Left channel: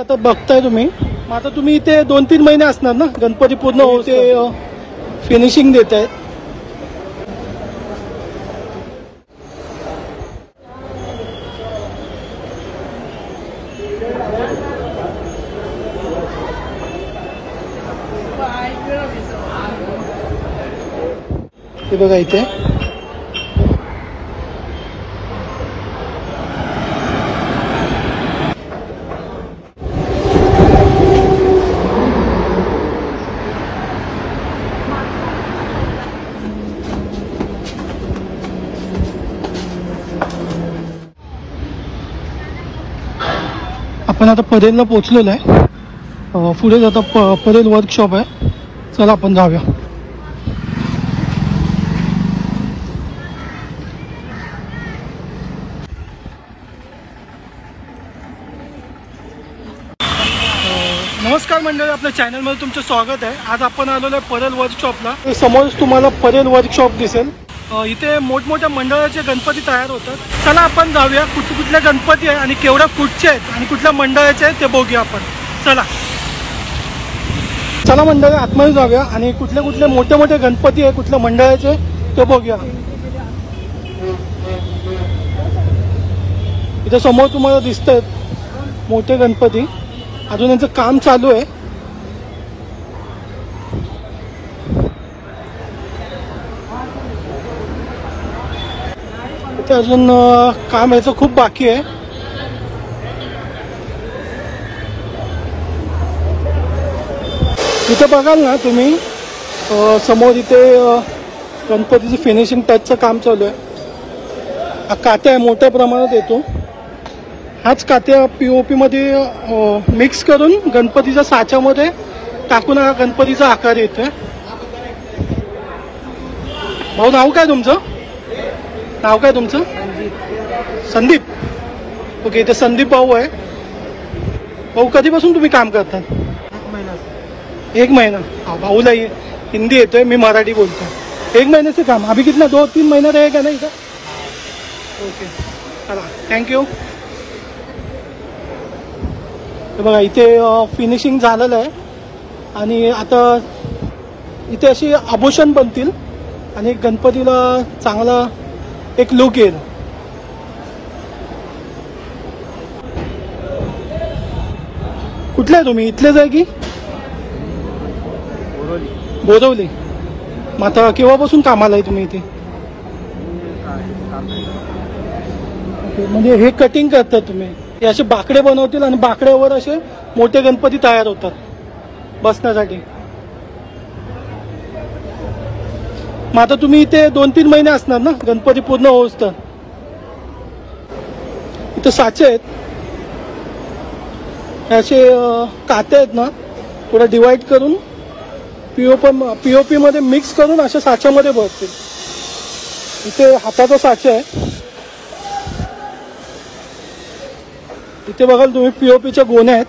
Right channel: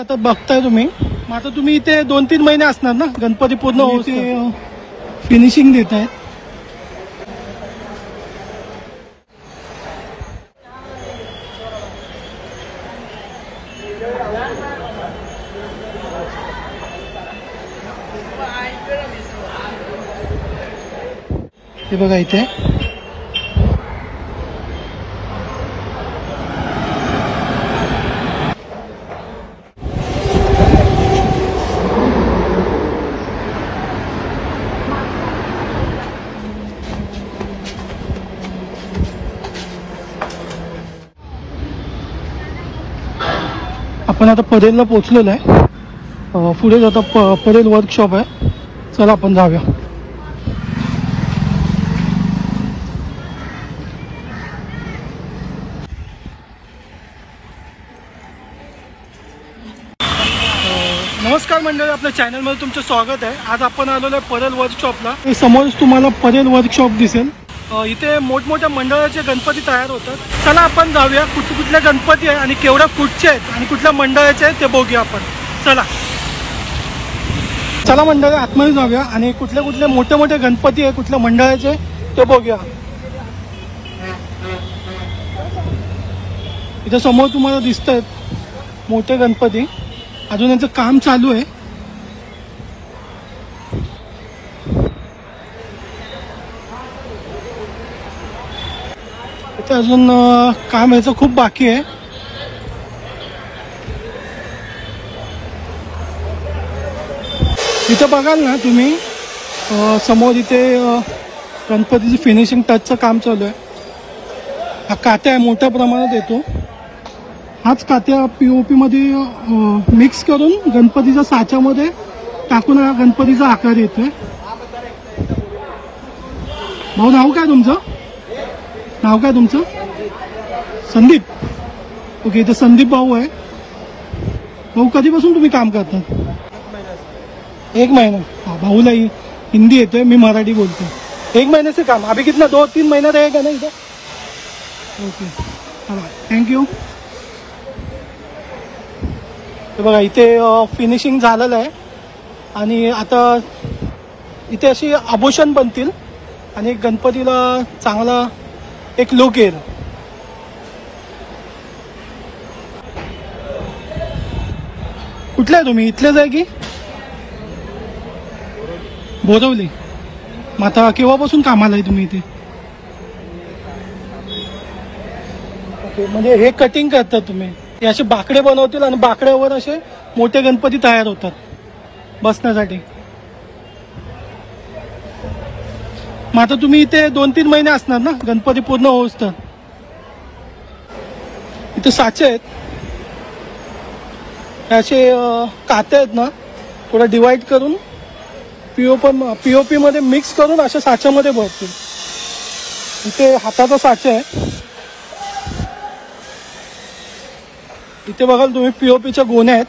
आता बघताय तुम्ही. आता तुम्ही इथे 2-3 महिने असणार ना गणपती पूर्ण होते फिनिशिंग देत आहेत. हे बघा इथे आपण आता परेलला पोहोचलेलो आहे. पुढे आता परेल वर्कशॉप आहे. चला आपण जाऊया. नमस्कार मंडळी, आपल्या चॅनलमध्ये तुमचं स्वागत आहे. आज आपण आलेलो आहे परेल वर्कशॉपला. समोरच तुम्हाला परेल वर्कशॉप दिसेल. इथे मोठमोठ्या मंडळाचे गणपती तयार होतात. चला आपण जाऊया. कुठले गणपती आहे आणि केवढ्या फूटचे आहेत आणि कुठल्या मंडळाचे आहेत ते बघूया आपण. चला मंडळी आतमध्ये जाऊया आणि कुठले मोठे गणपती आहे कुठल्या मंडळाचे ते बघूया. इथे समोर तुम्हाला दिसत आहेत मोठे गणपती. अजून याचं काम चालू आहे. इथे अजून काम याचं खूप बाकी आहे. इथे बघाल ना तुम्ही समोर इथे गणपतीची फिनिशिंग टचचं काम चालू आहे. हा कात्या मोठ्या प्रमाणात येतो. हाच कात्या पीओपी मध्ये मिक्स करून गणपतीच्या साच्यामध्ये टाकून हा गणपतीचा आकार येतोय. भाऊ नाव काय तुमचं? संदीप. ओके, इथे संदीप भाऊ आहे. भाऊ कधीपासून तुम्ही काम करता? 1 महिना. हाँ, भाऊला हिंदी येतोय, मी मराठी बोलतो. 1 महीने से काम. अभी कितना 2-3 महीना रहेगा ना इधर? ओके, चला थँक्यू. बघा इथे फिनिशिंग झालेलं आहे आणि आता इथे अशी आभूषण बनतील आणि गणपतीला चांगला एक लुक येईल. कुठले आहे तुम्ही? इथलेच आहे की बोरवली? मग आता केव्हापासून कामाला आहे तुम्ही इथे? ओके, म्हणजे हे कटिंग करतात तुम्ही? हे असे बाकडे बनवतील आणि बाकड्यावर असे मोठे गणपती तयार होतात बसण्यासाठी. मग आता तुम्ही इथे 2-3 महिने असणार ना गणपती पूर्ण होऊस तर. इथे साचे आहेत, असे काते आहेत ना, थोडं डिवाइड करून पीओपी मध्ये मिक्स करून अशा साच्यामध्ये भरतील. इथे हाताचा साचा आहे. इथे बघाल तुम्ही पीओपीच्या गोण्या आहेत.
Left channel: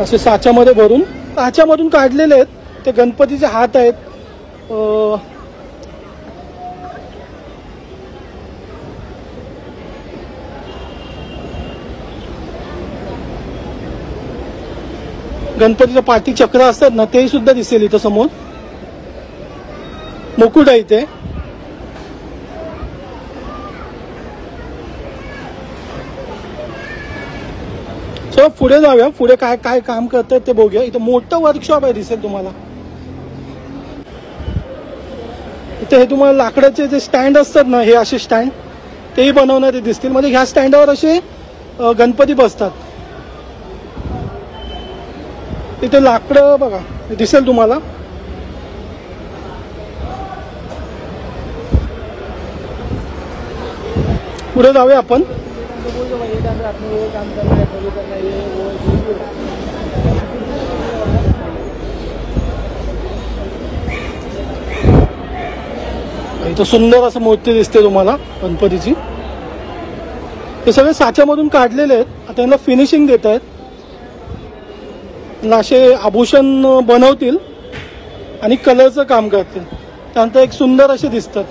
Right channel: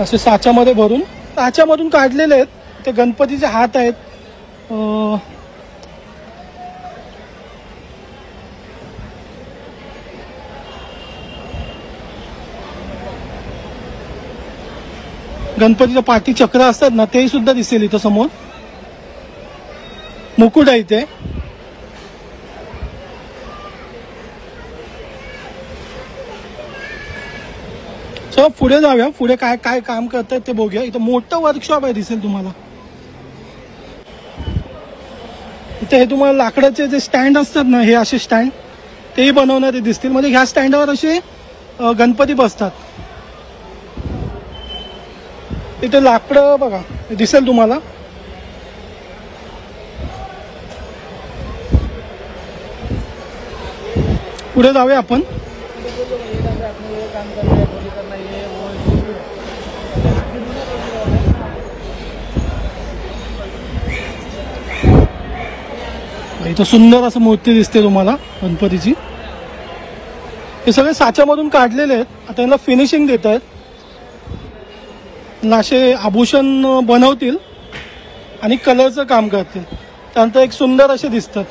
असे साच्यामध्ये भरून साच्यामधून काढलेले आहेत. ते गणपतीचे हात आहेत. गणपतीच्या पाठी चक्र असतात ना, ते सुद्धा दिसेल इथं समोर. मुकुट आहे इथे. चला पुढे जाऊया. पुढे काय काय काम करतात ते बघूया. इथं मोठं वर्कशॉप आहे दिसेल तुम्हाला. इथे तुम्हाला लाकडाचे जे स्टँड असतात ना, हे असे स्टँड तेही बनवणारे दिसतील. म्हणजे ह्या स्टँडवर असे गणपती बसतात. इथे लाकडं बघा दिसेल तुम्हाला. पुढे जाऊया आपण. इथं सुंदर असं मूर्ती दिसते तुम्हाला गणपतीची. हे सगळे साच्यामधून काढलेले आहेत. आता याला फिनिशिंग देत आहेत. असे आभूषण बनवतील आणि कलरचं काम करतील. त्यानंतर एक सुंदर असे दिसतात.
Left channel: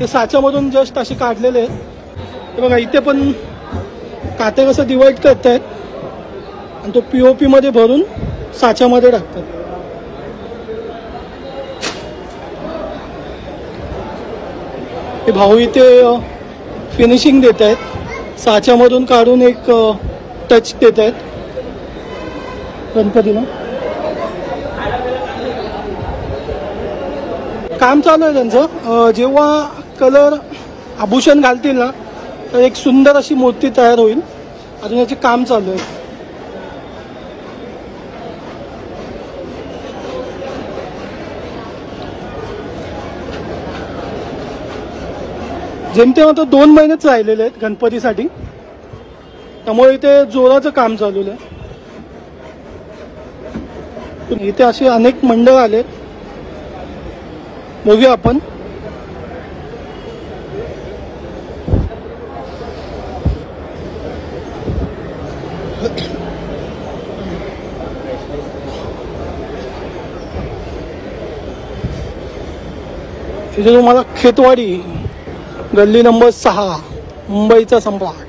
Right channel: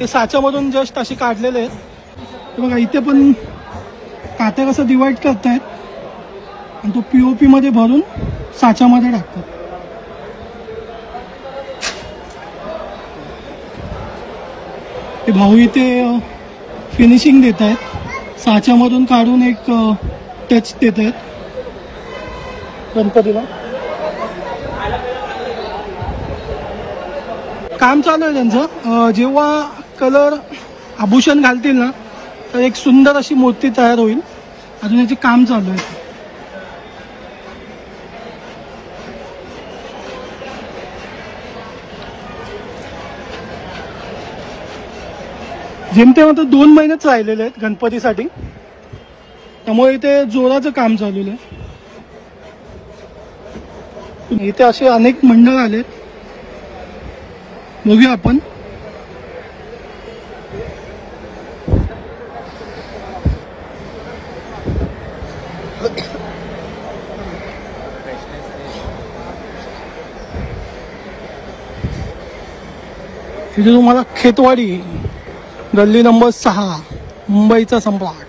ते साच्यामधून जस्ट असे काढलेले आहेत बघा. इथे पण कात्या कसं डिवाइड करतायत आणि तो पीओपी मध्ये भरून साच्यामध्ये टाकतात. ते भाऊ इथे फिनिशिंग देत आहेत, साच्यामधून काढून एक टच देत आहेत गणपतीला. काम चालू आहे त्यांचं. जेव्हा कलर आभूषण घालतील ना तर एक सुंदर अशी मूर्ती तयार होईल. अजून याचे काम चालू आहे. जेमतेम तर 2 महिनेच राहिलेले आहेत गणपतीसाठी, त्यामुळे इथे जोराचं काम चालू आहे. इथे असे अनेक मंडळ आलेत, बघूया आपण. तिथे तुम्हाला खेतवाडी गल्ली नंबर 6 मुंबईचा सम्राट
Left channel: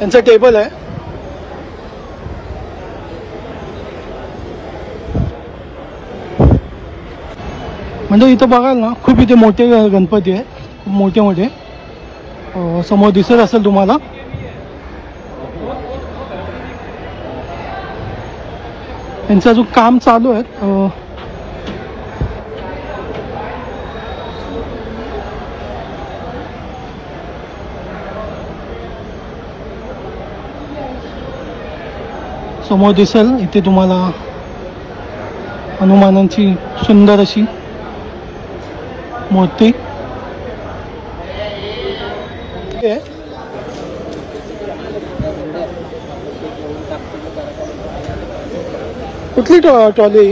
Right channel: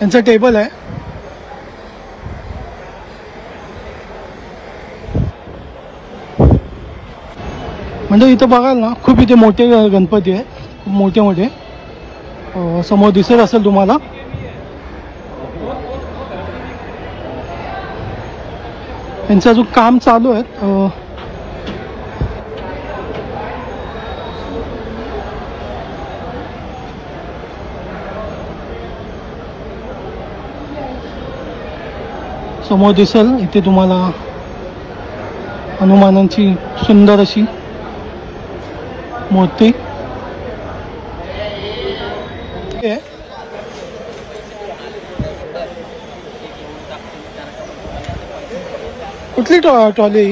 यांचं टेबल आहे. म्हणजे इथे बघाल ना खूप इथे मोठे गणपती आहे, मोठे मोठे. समोर दिसत असेल तुम्हाला. त्यांचं अजून काम चालू आहे. समोर दिसेल इथे तुम्हाला हनुमानांची सुंदर अशी मूर्ती. कुठली ट्रॉली?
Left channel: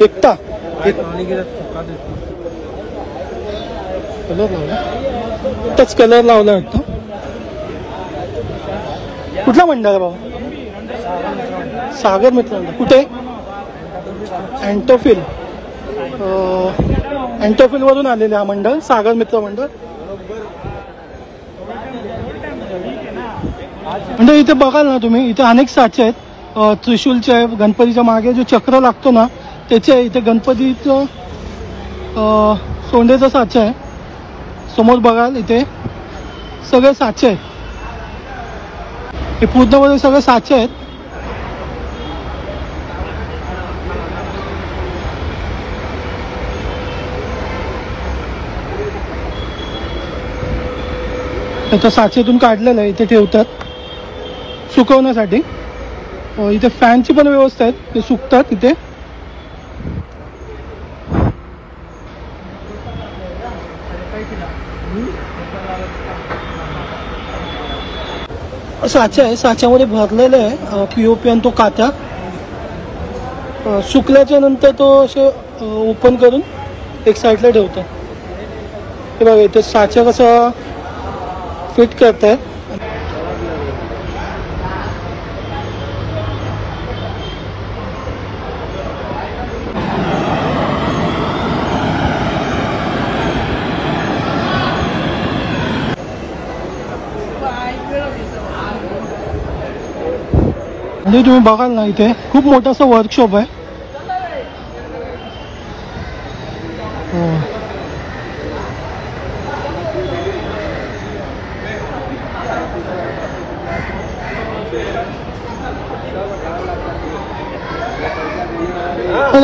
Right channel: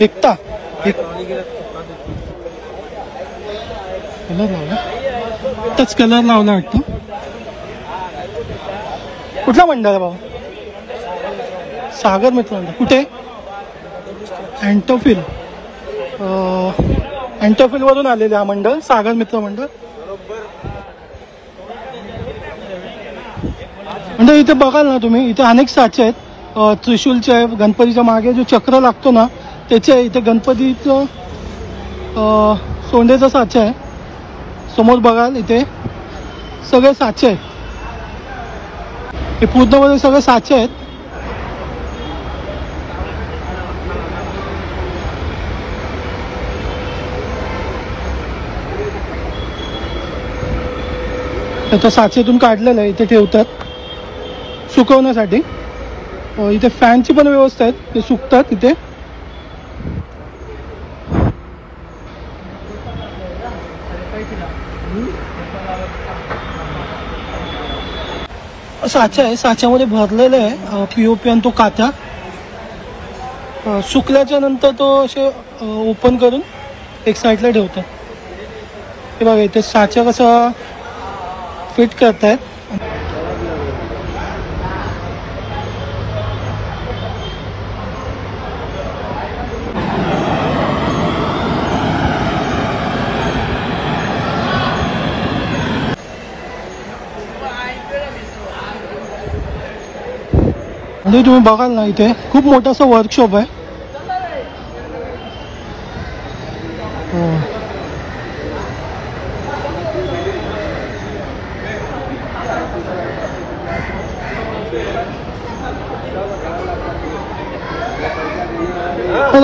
एकता एकटाच कलर लावला वाटतं. कुठला मंडळ आहे भाऊ? सागर मित्र. कुठे? अँटोफिल. अँटोफिल वरून आलेले हा मंडळ, सागर मित्र मंडळ. म्हणजे इथे बघाल ना तुम्ही, इथे अनेक साचे आहेत. त्रिशूलचे आहे, गणपतीच्या मागे जो चक्र लागतो ना त्याचे. इथे गणपतीचं सोंडेचा साचा आहे. समोर बघाल इथे सगळे साचे आहेत. हे पूर्णपणे सगळे साचे आहेत. त्या साचेतून काढलेलं आहे, इथे ठेवतात सुकवण्यासाठी. इथे फॅनची पण व्यवस्था आहे, ते सुकतात इथे. साचा आहे, साच्यामध्ये भरलेलं आहे पीओपी आणि तो काचा. सुकल्याच्या नंतर तो असे ओपन करून एक साईडला ठेवतात. ते बघा इथे साचा कसा फिट करताय. म्हणजे तुम्ही बघाल ना इथे खूप मोठासा वर्कशॉप आहे.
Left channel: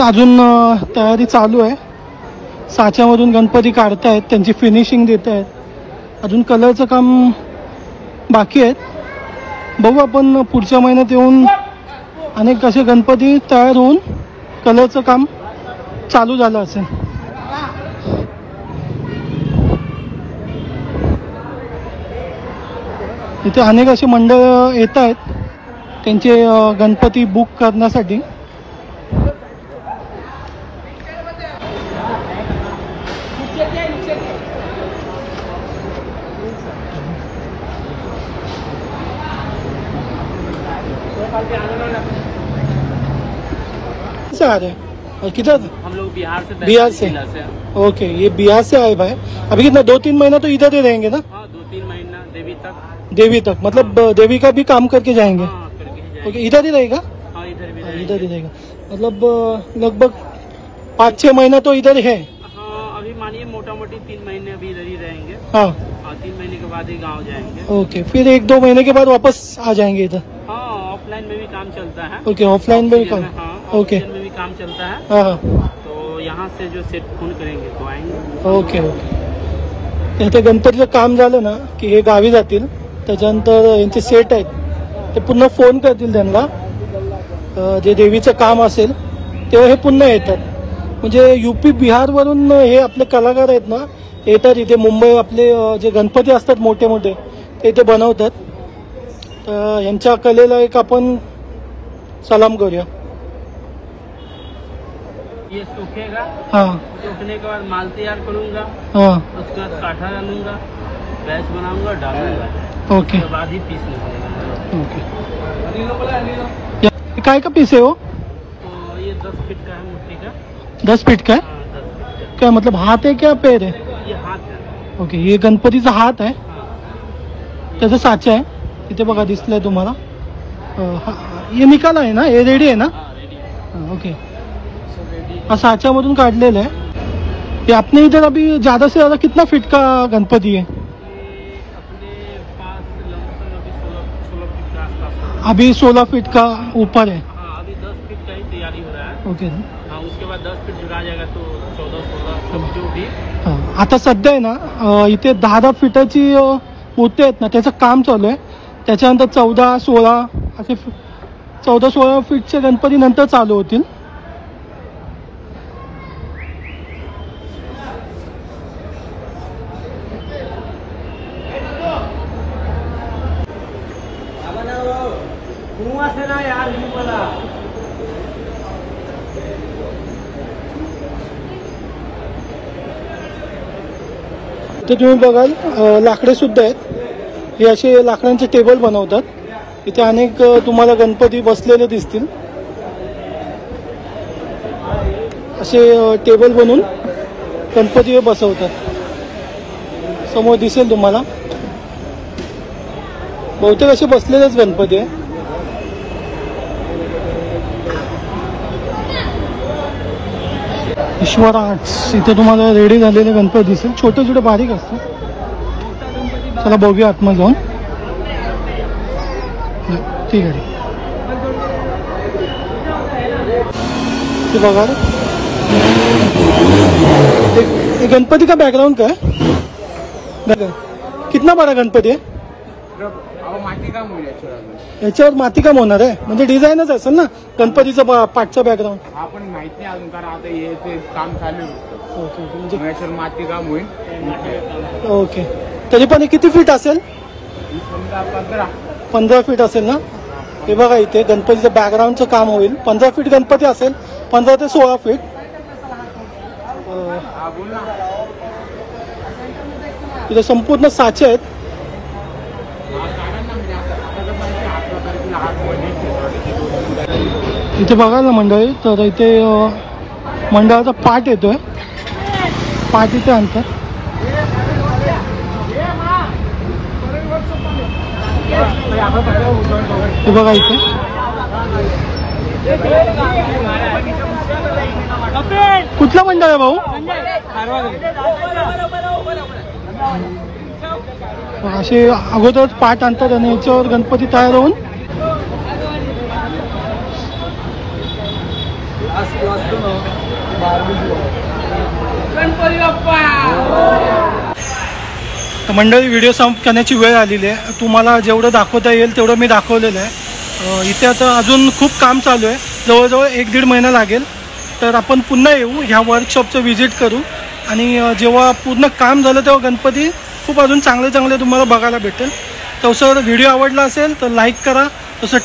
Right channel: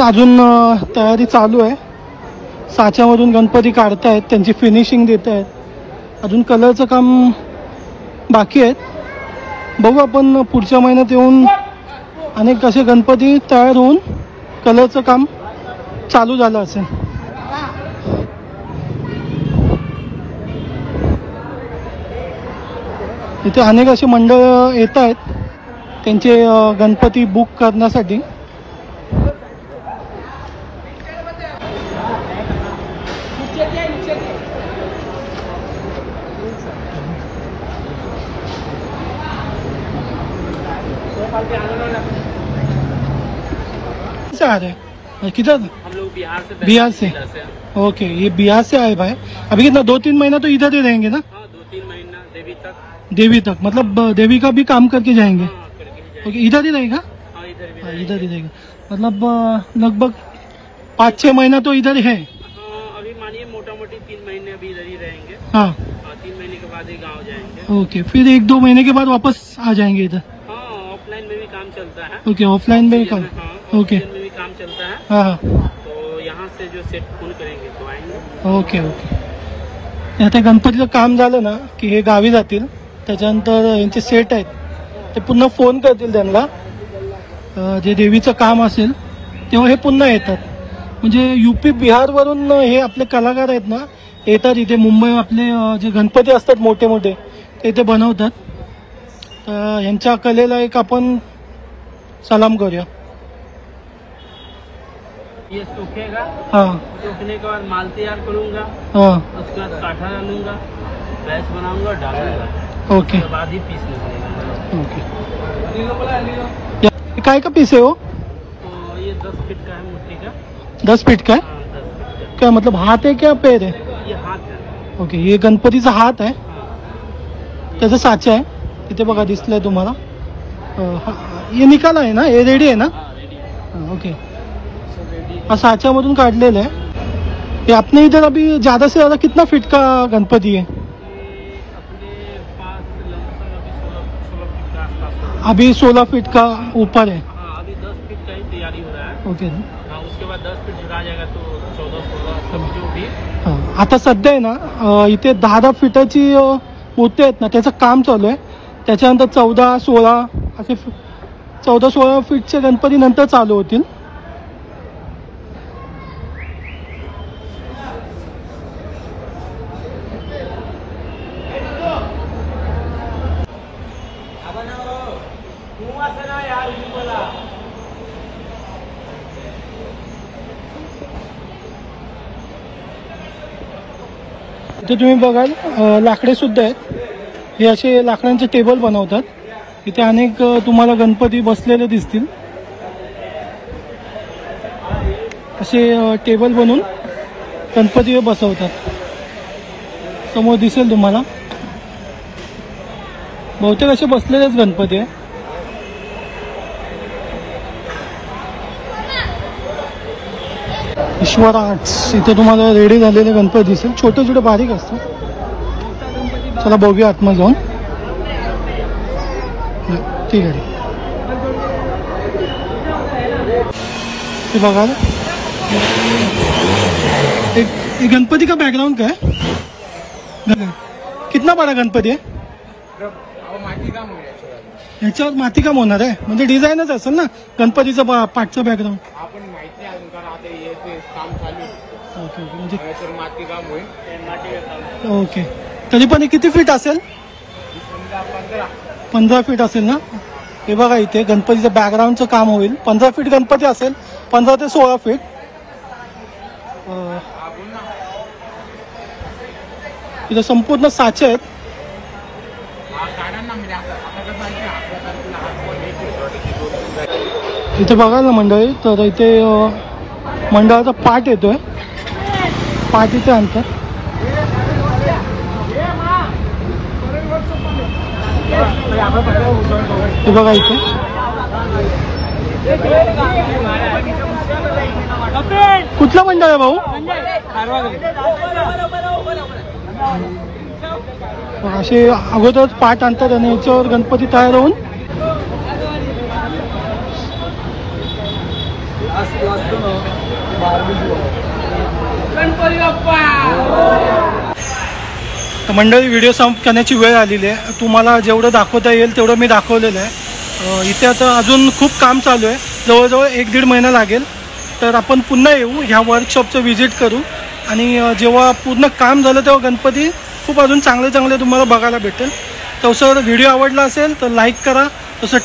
अजून तयारी चालू आहे. साच्यामधून गणपती काढतायत, त्यांची फिनिशिंग देत आहेत. अजून कलरचं काम बाकी आहे. बघू आपण पुढच्या महिन्यात येऊन अनेक असे गणपती तयार होऊन कलरचं काम चालू झालं असेल. इथे अनेक असे मंडळ येत आहेत त्यांचे गणपती बुक करण्यासाठी. किधर? हम लोग बिहार से। बिहार से? ओके, ये बिहार से आए भाई। अभी कितना 2-3 महीना तो इधर ही रहेंगे ना? हाँ, 2-3 महीना देवी तक। देवी तक मतलब देवी का भी काम करके जाएंगे? हाँ, करके ही जाएंगे। ओके, इधर ही रहेगा? हाँ, इधर भी इधर ही रहेगा मतलब लगभग 5-6 महीना तो इधर है। हाँ, अभी मानिए मोटा मोटी 3 महीने अभी इधर ही रहेंगे। हाँ, 3 महीने के बाद ही गाँव जाएंगे। ओके, फिर 1-2 महीने के बाद वापस आ जाएंगे इधर? हाँ, ऑफलाइन में भी काम चलता है। ओके, ऑफलाइन में काम? हाँ, ओके, ऑफलाइन में भी काम चलता है। हाँ, तो यहाँ से जो सेट फोन करेंगे तो आएंगे। Okay okay. आता गणपतीचं काम झालं ना की हे गावी जातील, त्याच्यानंतर यांचे सेट आहेत ते पुन्हा फोन करतील त्यांना, जे देवीचं काम असेल तेव्हा हे पुन्हा येतात. म्हणजे UP बिहारवरून हे आपले कलाकार आहेत ना येतात इथे. मुंबई आपले जे गणपती असतात मोठे मोठे ते इथे बनवतात. तर यांच्या कलेला एक आपण सलाम करूया. ये सूखेगा, हाँ सूखने के बाद माल तैयार करूंगा, हाँ, उसके बाद काठा डालूंगा, गैस बनाऊंगा, डालूंगा, ओके उसके बाद ही पीसने लगेगा। ओके. ये काय का पीस है वो? तो ये 10 फीट का है मिट्टी का। 10 फीट का है? हाँ, 10 फीट। क्या मतलब हाथ है क्या पैर है? ये हाथ है। ओके, ये गणपतीचा हात आहे, त्याचा साचा आहे. इथे बघा दिसलाय तुम्हाला. हे निकाला आहे ना, हे रेडी आहे ना? ओके, हा साच्यामधून काढलेलं आहे. ये अपने इधर अभी ज्यादा से ज्यादा कितना फीट का गणपति है? अपने पास लमसम अभी 16 फीट का आसपास है। अभी 16 फीट का ऊपर है. हाँ, अभी 10 फीट का ही तैयारी हो रहा है। ओके. हाँ, उसके बाद 10 फीट जुड़ा जाएगा तो 14-16 जो भी। आता सध्या आहे ना इथे 10 फीटाची मूर्ती आहेत ना त्याचं काम चालू आहे. त्याच्यानंतर 14-16 असे 14-16 फीटचे गणपती नंतर चालू होतील. तर तुम्ही बघाल लाकडे सुद्धा आहेत. हे असे लाकडांचे टेबल बनवतात. इथे अनेक तुम्हाला गणपती बसलेले दिसतील. असे टेबल बनवून गणपती बसवतात. समोर दिसेल तुम्हाला बहुतेक असे बसलेलेच गणपती आहे. ईश्वराज इथे तुम्हाला रेडी झालेले गणपती दिसेल. छोटे छोटे बारीक असतात. चला बघूया आतमध्ये जाऊन. ठीक आहे, ते बघा ये गणपती का बैकग्राउंड का है? कितना बड़ा गणपती आहे? माटी काम हो गया। याच्यावर माती काम होणार आहे म्हणजे डिझाईनच असेल ना गणपतीचं पाठचं बॅकग्राऊंड? आपण माहित नाही अजून कारण आता हे ते काम चालू आहे. म्हणजे माती काम होईल. ओके, तरी पण किती फीट असेल? 15 फीट असेल ना. हे बघा इथे गणपतीचं बॅकग्राऊंडचं काम होईल. 15 फीट गणपती असेल. 15 ते 16 फीट. इथे संपूर्ण साचे आहेत. इथे बघाल ना मंडळी तर इथे मंडळाचा पाठ येतोय. पाठ इथे आणतात. हे बघा इथे कुठला मंडळ आहे भाऊ? असे अगोदरच पाठ आणतात आणि याच्यावर गणपती तयार होऊन मंडळी व्हिडिओ संप करण्याची वेळ आलेली आहे. तुम्हाला जेवढं दाखवता येईल तेवढं मी दाखवलेलं आहे. इथे आता अजून खूप काम चालू आहे. जवळजवळ 1-1.5 महिना लागेल. तर आपण पुन्हा येऊ ह्या वर्कशॉपचं व्हिजिट करू आणि जेव्हा पूर्ण काम झालं तेव्हा गणपती खूप अजून चांगले चांगले तुम्हाला बघायला भेटेल. तसं व्हिडिओ आवडला असेल तर लाईक करा. तसं